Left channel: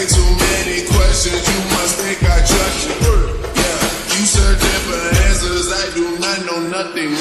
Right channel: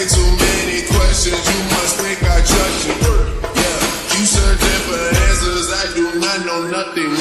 way too many questions, you must think I trust you. Yeah, you searching for answers, I do not know nothing more.